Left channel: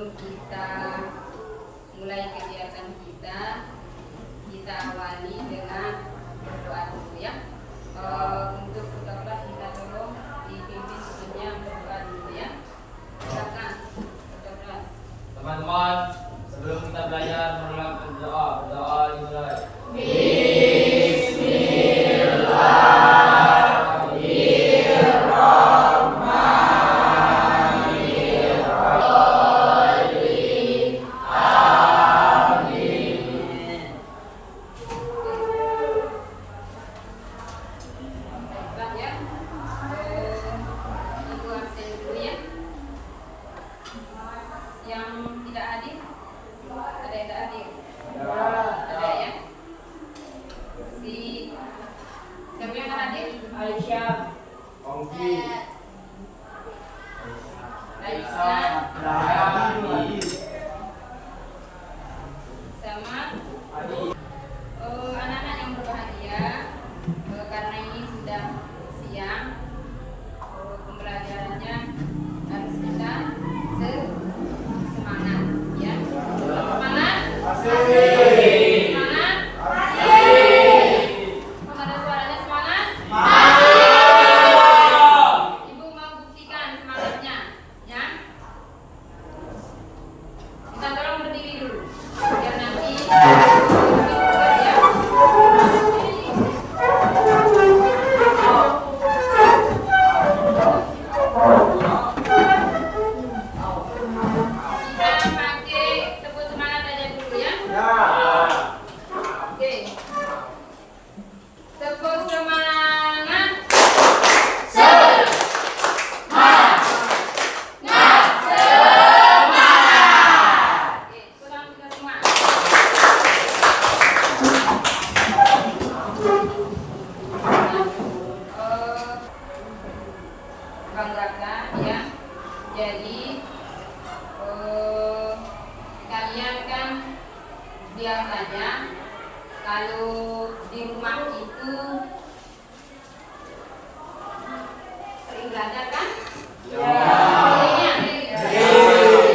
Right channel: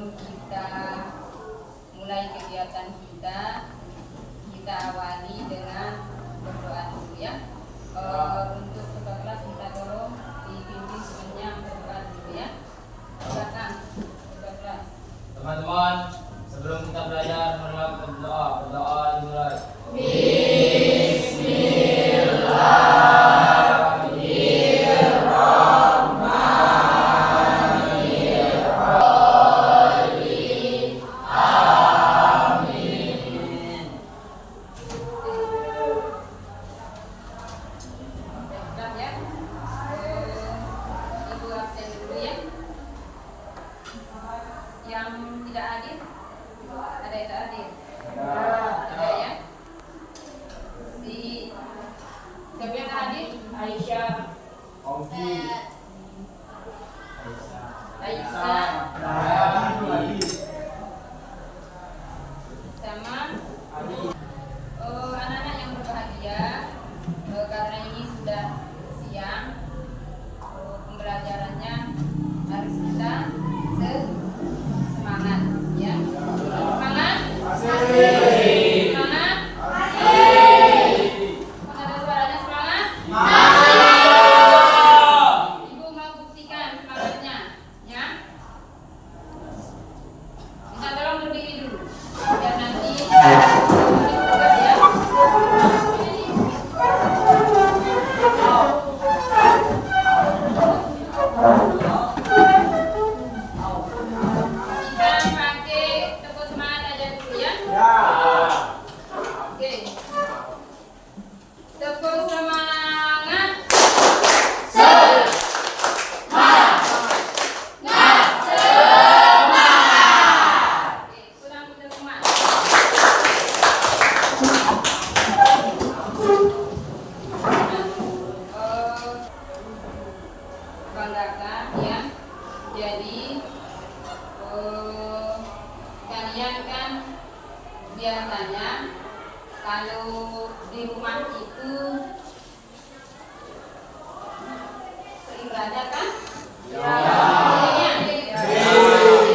sebelum kita mulai kegiatan kita awali dengan berdoa dulu ya. Untuk ketua kelas kita tolong dipimpin semuanya berdoa dulu ya. Silakan ketua kelas. Teman-teman, sebelum kita belajar melakukan berdoa dimulai. Yang tidak hadir, ada yang tak hadir? Ada ya? Siapa yang tak hadir? Aisyah, Ongki, Aisyah, sama anak-anak yang berbahagia. Karena ini sudah siang, pembelajarannya harus kita semangat ya. Semangat? Masih. Semangat? Masih. Ada suaranya semangat? Masih. Ibu mau buktikan semangatnya ya. Kita tolong berdiri dulu biar nanti ya. Tepuk semangat. Semangat. Oke, pulang kita semangat. Banggakan ya. Jadi kalian kan biasanya kalau di rumah itu sering belajar kan? Ya.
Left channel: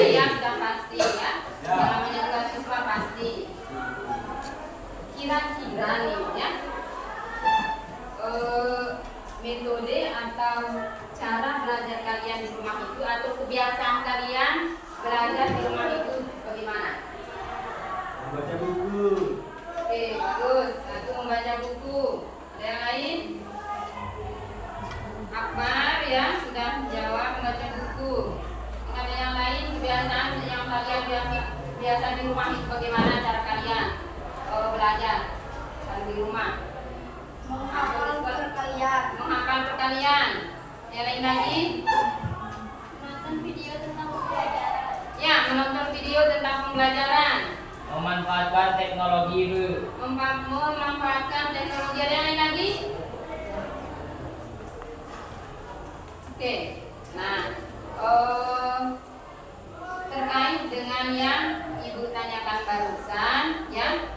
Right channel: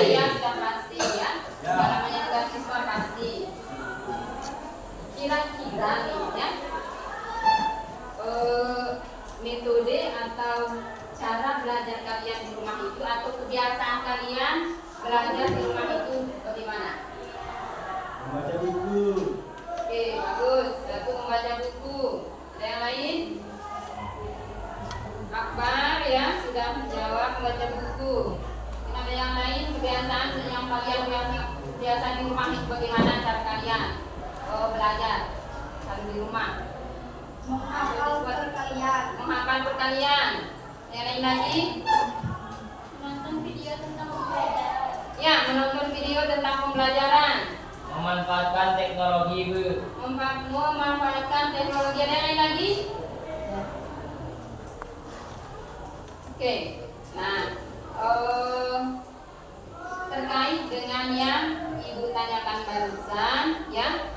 Iya, sudah pasti ya. Yang namanya tugas siswa pasti. Kira-kira nih ya, metode atau cara belajar kalian di rumah itu atau kebiasaan kalian belajar di rumah itu bagaimana? membaca buku. Oke, bagus. Satu, membaca buku. Ada yang lain? Akbar ya, sudah jawab membaca buku. Ada yang lain kebiasaan yang kalian biasa di rumah itu bagaimana cara kalian kalau belajar kalau di rumah? Menghafal perkalian. Yang lain lagi? Nonton video tentang pembelajaran. Ya, menonton video tentang pembelajaran. memanfaatkan teknologi, Bu. Memanfaatkan teknologi. Ada yang lain lagi? Oke. Nah, terkait dengan yang Ibu tanyakan barusan, ya,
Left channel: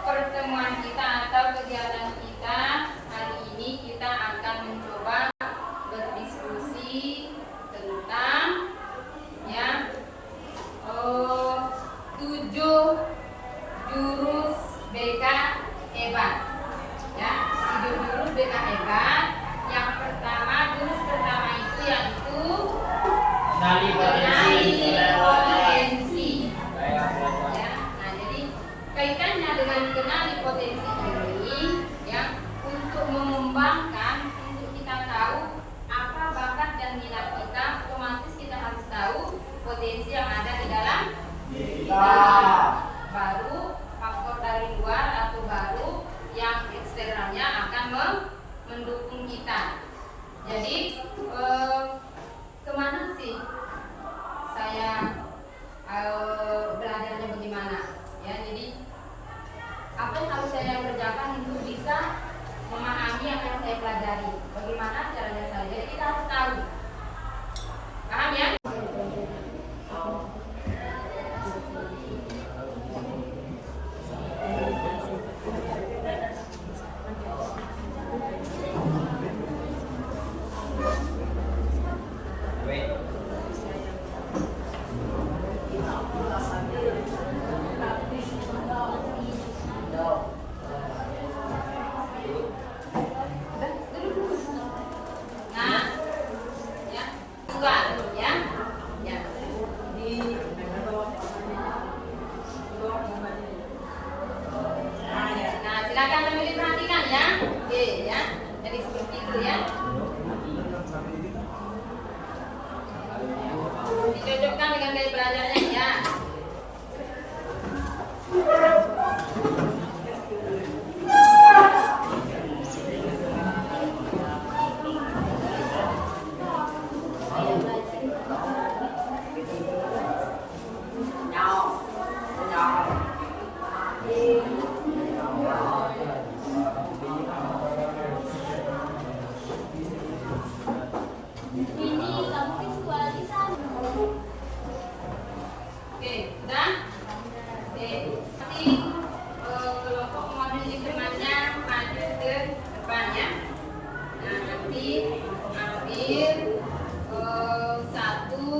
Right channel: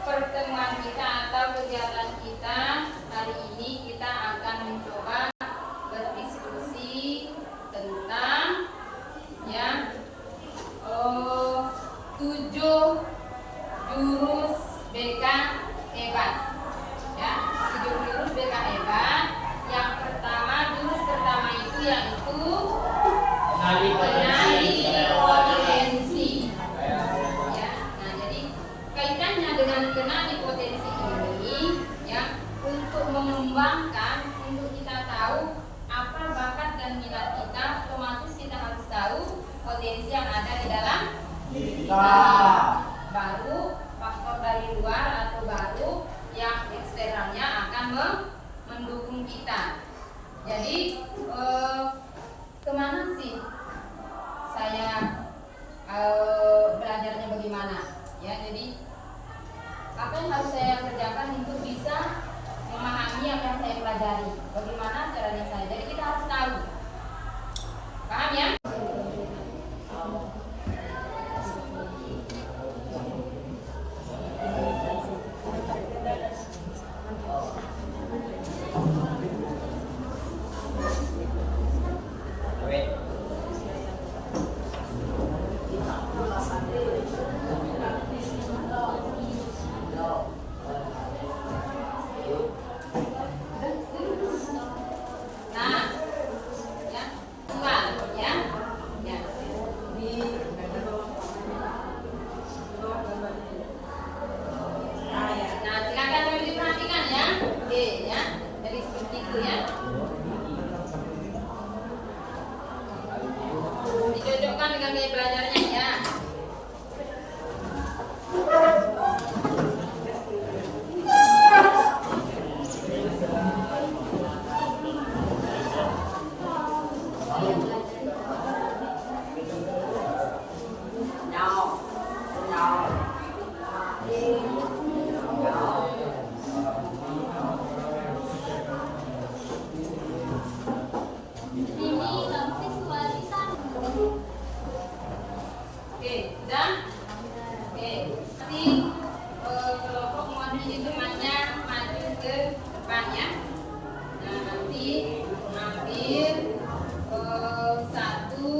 pertemuan kita atau kegiatan kita hari ini kita akan mencoba berdiskusi tentang ya 7 jurus BK hebat ya, 7 jurus BK hebat. Yang pertama, jurus pertama itu yaitu Kenali potensi. ya. Nah, jadi kaitannya dengan kenali potensi ini ya, untuk mengembangkan, untuk kita tahu apa bakat dan minat kita, otomatis kita harus tahu potensi yang ada di dalam diri kita. Baru faktor dari luar atau baru yang eksternalnya akan mendukung kita. Jadi kemana sih saya belajarnya bagaimana? Ya, jadi apa yang harus saya kerjakan untuk bisa memahami apa yang saya pelajari? Bagaimana caranya saya? Jadi kita harus tahu. Paham ya? cocokkan dengan gaya belajarnya ya. Ini kamu visualisasi. Oke, sudah? Oke, nanti kelompok model hitungannya maju ke depan ya. Nah, nanti ambil satu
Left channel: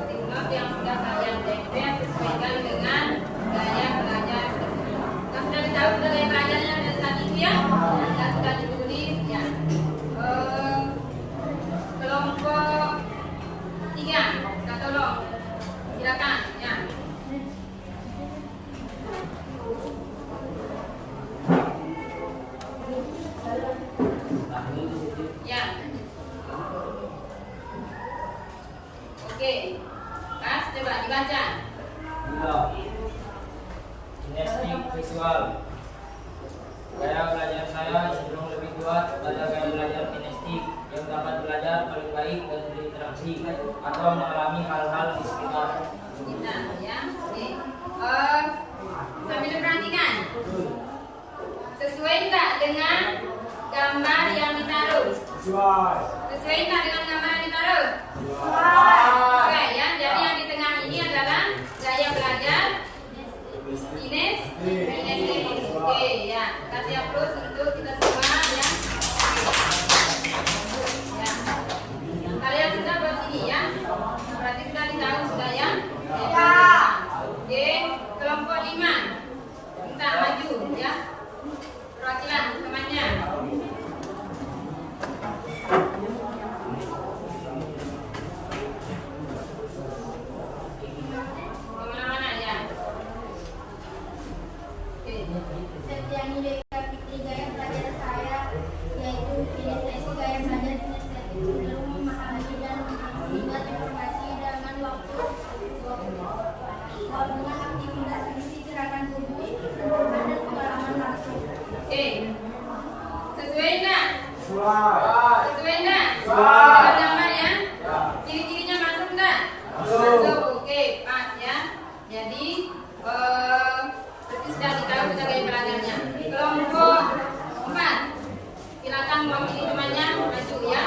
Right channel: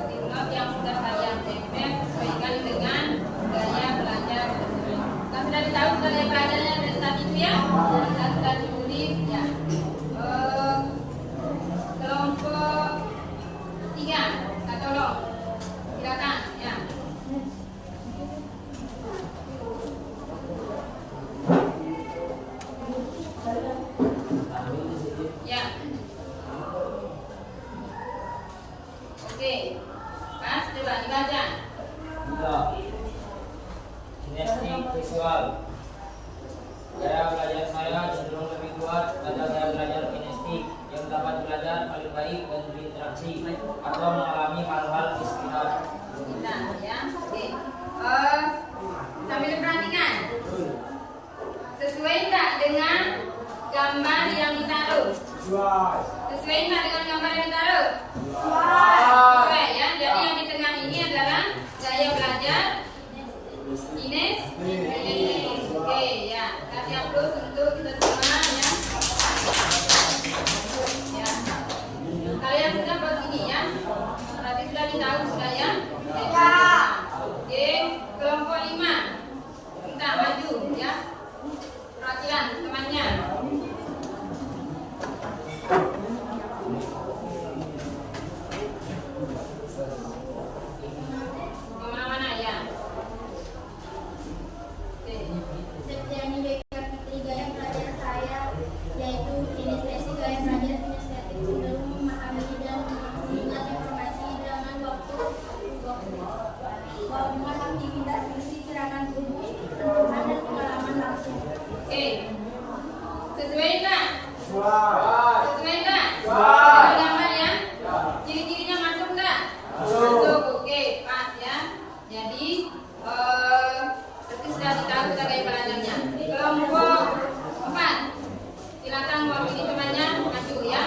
stimulan yang sudah kalian tempel sesuaikan dengan gaya belajar tersebut. Kan sudah ditahu gaya belajarnya dari tadi itu ya, dan sudah ditulis ya. Kelompok 3, Kak tolong silakan ya. Ya. Oke. Pas coba dibaca. Kinestik visual. Gaya belajar saya cenderung lebih kuat pada gaya belajar kinestik yang dapat belajar paling baik dan berinteraksi atau mengalami hal-hal di sekitar. Kita ya. Oke. Sambil diperhatikan. Sesuai tak dengan gambar yang ditaruh? Sesuai. Sesuai tak dengan gambar yang ditaruh? Sesuai ya. Jadi yang di tengah ini adalah gaya belajar kinestik. Oke ya. Kasih aplaus untuk kita semua ya. Ya. Kalian sudah buat ini ya. Berarti sudah ditahu sudah ya. Oke, kelompok 5. Minta maju ya. Perwakilan temannya. Kemana-mana ya. Oke. Septiani Beka Fitri, gaya belajar saya yaitu kinestetik. Gaya belajar kinestetik cenderung memahami dan mengingat informasi dengan waktu dengan aktivitas fisik, gerakan tubuh, sentuhan dan pengalaman langsung. Oke. Sesuai enggak? Sesuai. Sesuai enggak? Sesuai. Ada gambar ya? Ciri-cirinya masuk enggak? Masuk. Oke, pas ya. Jadi berarti sudah ditahu kita gaya belajarnya. Kelompok 4. Silakan mewakili temannya maju ya.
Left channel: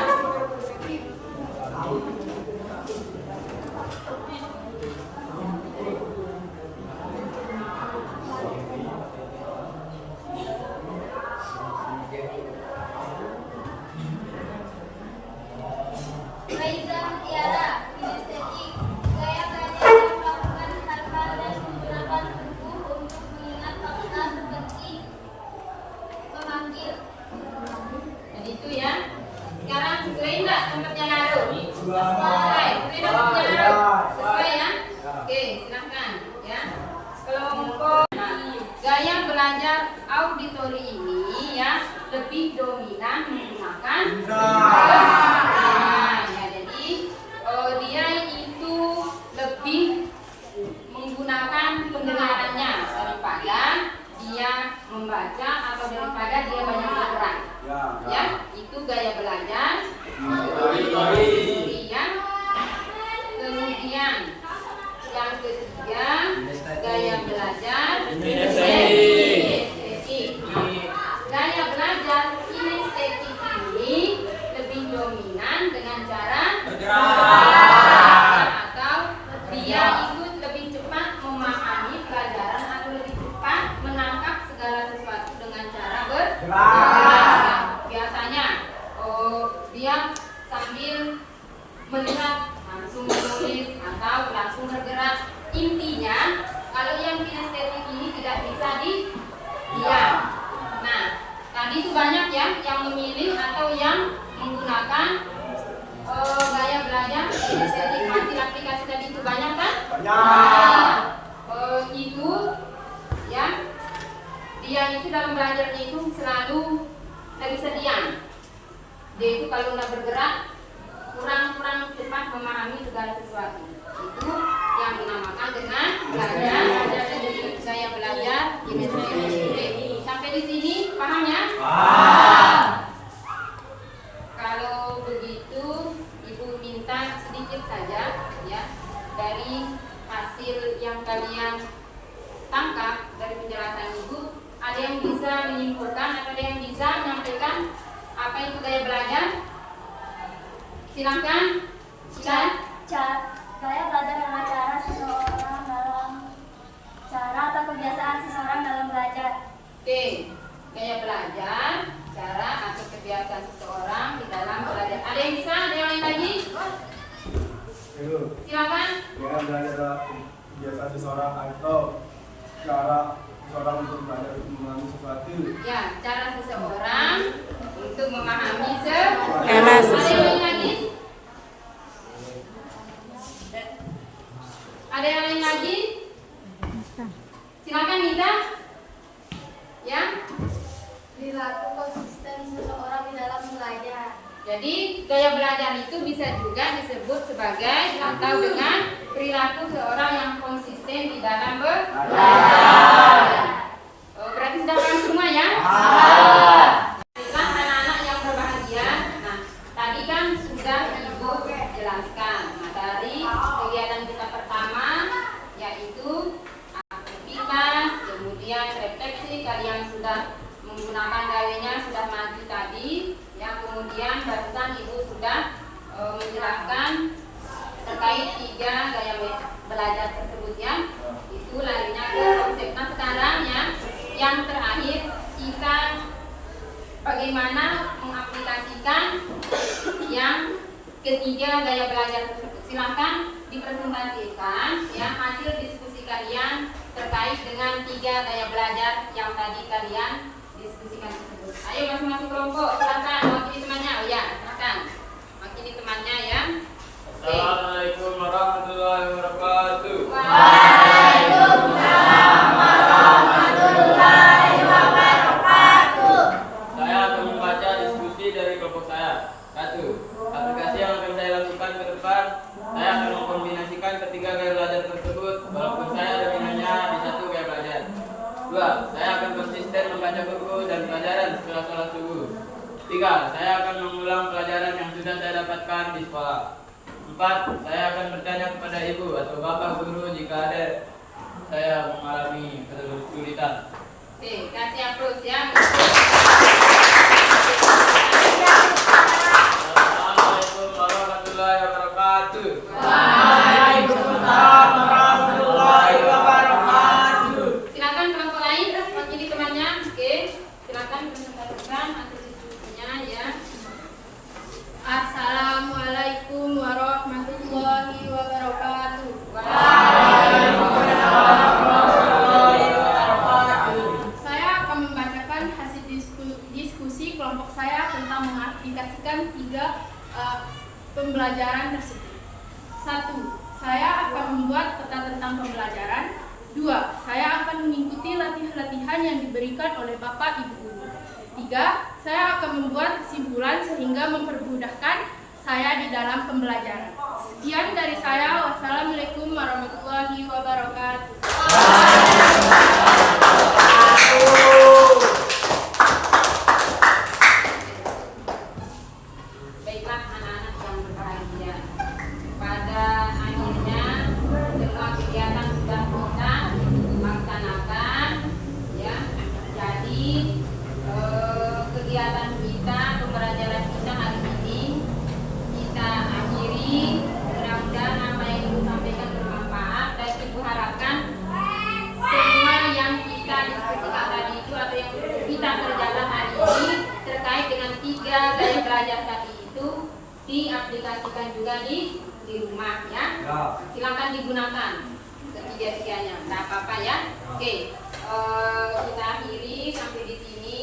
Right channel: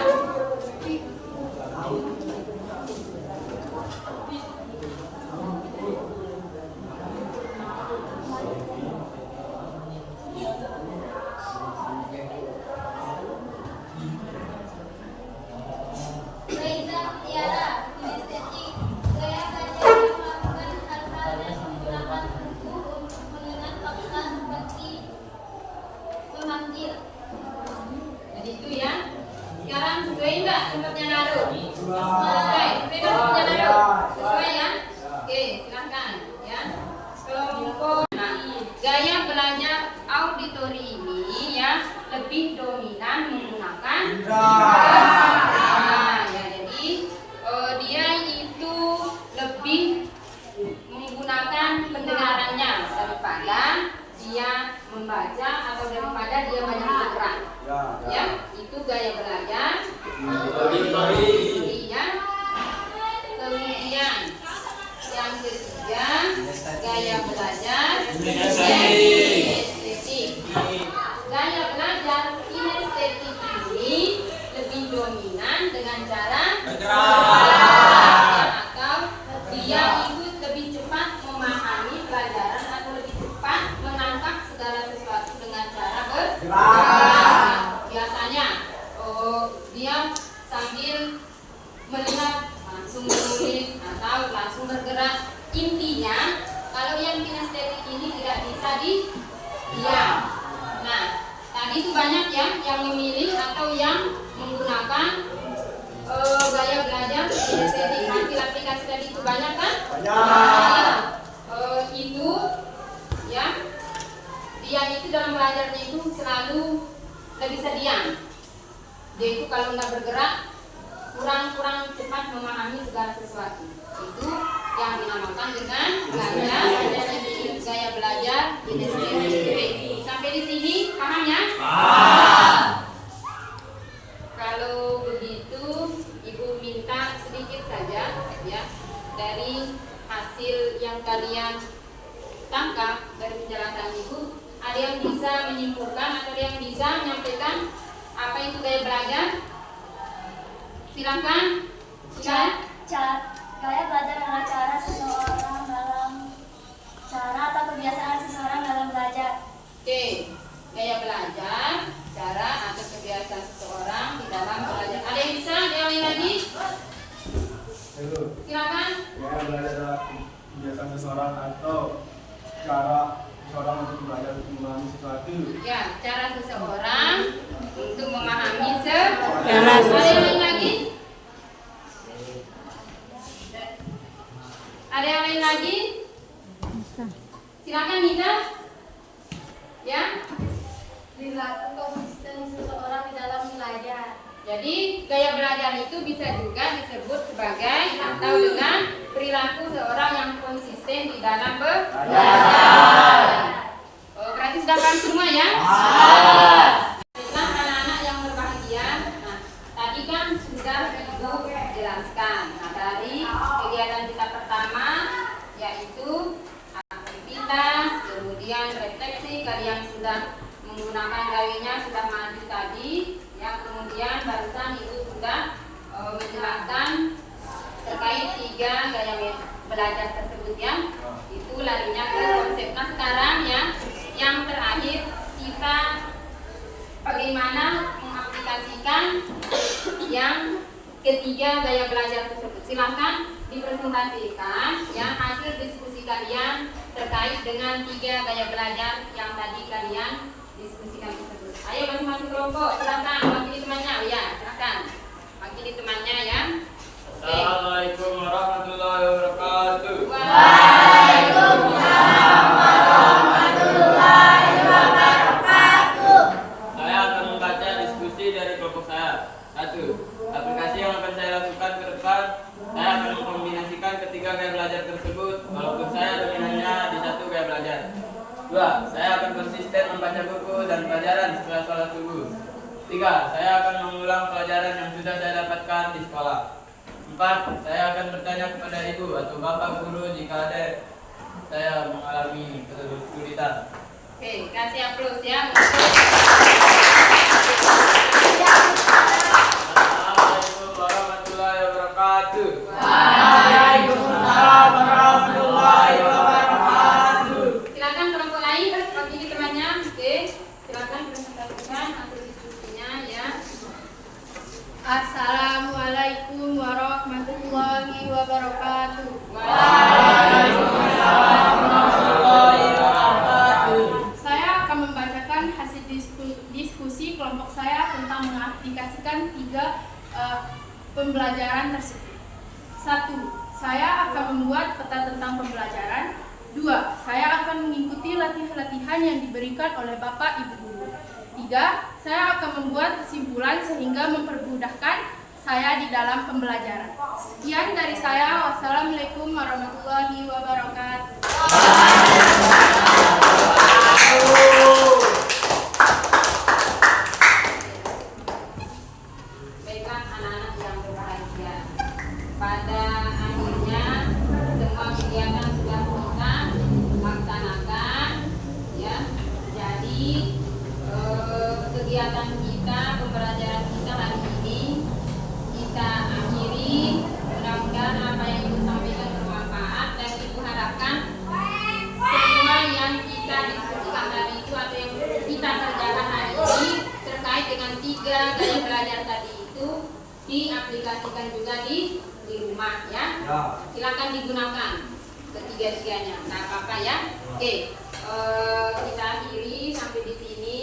Raiza Mutiara, kinestetik. Gaya belajar melakukan hal-hal yang menggunakan tubuh untuk mengenal fakta seperti memanggil. Jadi itu ya. Sekarang sesuai enggak tempatnya naruh? Sesuai. Sesuai. Sesuai enggak tempatnya naruh? Sesuai ya. Oke, silakan ya. Kelompok gaya belajar auditori ini ya lebih dominan menggunakan nah, ya jadi dia itu lebih menggunakan pendengarannya daripada dia membaca atau daripada dia banyak bergerak ya itu gaya belajar kemudian yang ketiga gaya belajar kinestetik. Gaya belajar kinestetik ini lebih dominan dengan cara bergerak atau dia ikut lebih cepat memahami pelajaran atau lebih cepat menangkap segala sesuatu dengan cara bergerak. Biasanya dia sambil melihat langsung menulis atau langsung bergerak. Intinya kalau yang kinestetik ini tidak bisa diam. Nah, tadi itu banyak ya yang memilih atau yang menggunakan gaya belajar kinestetik. Hasil aplikasi tadi itu banyak kan? Banyak. Itu ya dia itu dalam belajarnya itu selalu tidak bisa diam. Dia itu kalau nggak bergerak kurang cepat memahami segala sesuatu. itu yang dinamakan dengan gaya belajar kinestetik. Sampai di sini paham ya? Kalau begitu Ibu minta sedikit saja ya dari hasil yang kalian tangkap dari penjelasan Ibu. Ada yang bisa menyimpulkan atau ada yang bisa menyampaikan apa itu gaya belajar? Silakan. Gaya belajar adalah cara atau kebiasaan seseorang dalam belajar. Oke, gaya belajar, cara atau kebiasaan seseorang di dalam belajar. Ada yang bisa? Ada yang lain lagi? Silakan. Gaya belajar adalah kebiasaan seseorang atau cara seseorang untuk belajar untuk memahami sesuatu. Ya, cara seseorang untuk memahami sesuatu. Kelas. Ada yang lain lagi? Ada yang lain lagi? Silakan Nita. Ya. Perilaku konsisten seseorang di dalam belajar. Jadi gaya belajar itu bisa juga disebut sebagai atau dengan perilaku seorang yang konsisten di dalam belajar. Oh, berarti sudah paham semua ya? Baiklah anak-anak yang berbahagia. Nah, tadi kan sudah Ibu jelaskan. Nah, dari kegiatan kita pertama yaitu aktivitas, kemudian refleksi, kalian sudah menggunakan gawainya sudah maju tadi. Yang kemudian barusan Ibu sudah menjelaskan terkait 3 gaya belajar tersebut ya. Itu larinya ke konsep. Nah sekarang ya, yang terakhir kita bagaimana mengaplikasikan yang ketiga gaya belajar tersebut. Silahkan dipresentasikan ya hasil diskusi kalian terkait dengan 3 gaya belajar yang tadi kalian diskusikan tersebut. Ayo masuk kelompok, silakan wakili temannya. Oh ya, silakan wakili temannya ya. Assalamualaikum warahmatullahi wabarakatuh. Waalaikumsalam warahmatullahi wabarakatuh. Saya akan membaca diskusi dari kelompok saya. 1. Aplikasi yang akan saya lakukan ke depan, saya akan mengkombinasikan ketiga gaya belajar tersebut walaupun saya dominannya di 1 gaya belajar. 2. Saya akan konsisten membaca buku dan pelajaran setelah sholat subuh. 3. Saya akan mengulang pelajaran yang sudah saya dapatkan di sekolah. 4. Saya akan bertanya kepada ibu atau bapak guru jika ada saya mengalami kesulitan. Oke, kasih aplaus ya. Assalamualaikum warahmatullahi wabarakatuh. Waalaikumsalam warahmatullahi wabarakatuh. Silakan kelompok lain wakili temannya. Oke, silakan presentasikan hasil diskusinya ya. Assalamualaikum warahmatullahi wabarakatuh. Waalaikumsalam warahmatullahi wabarakatuh. Saya akan membacakan hasil diskusi kelompok saya tentang mengaplikasikan 3 pembelajaran tersebut. 1. Saya akan membuat peta tentang pembelajaran. 2. Saya akan mengikuti latihan-latihan yang diberikan oleh Bapak Ibu Guru. 3. Saya akan membuat kesimpulan sehingga mempermudahkan saya di dalam pembelajaran. Sekian dari saya. Wassalamualaikum warahmatullahi wabarakatuh. Baiklah anak-anak yang berbahagia. Pada akhirnya semua kegiatan sudah kita laksanakan ya. Jadi kegiatan kita, pembelajaran kita hari ini kita akhiri. Mudah-mudahan apa yang Ibu sampaikan bermanfaat dan Ibu harapkan semua yang kita diskusikan tadi itu atau yang kita kerjakan hari ini terkait dengan 3 gaya belajar tadi itu diaplikasikan juga di rumah ya. Silakan digunakan ketiga-tiganya. Nah, apa-apa ya. Oke. Kita akhiri sampai di sini.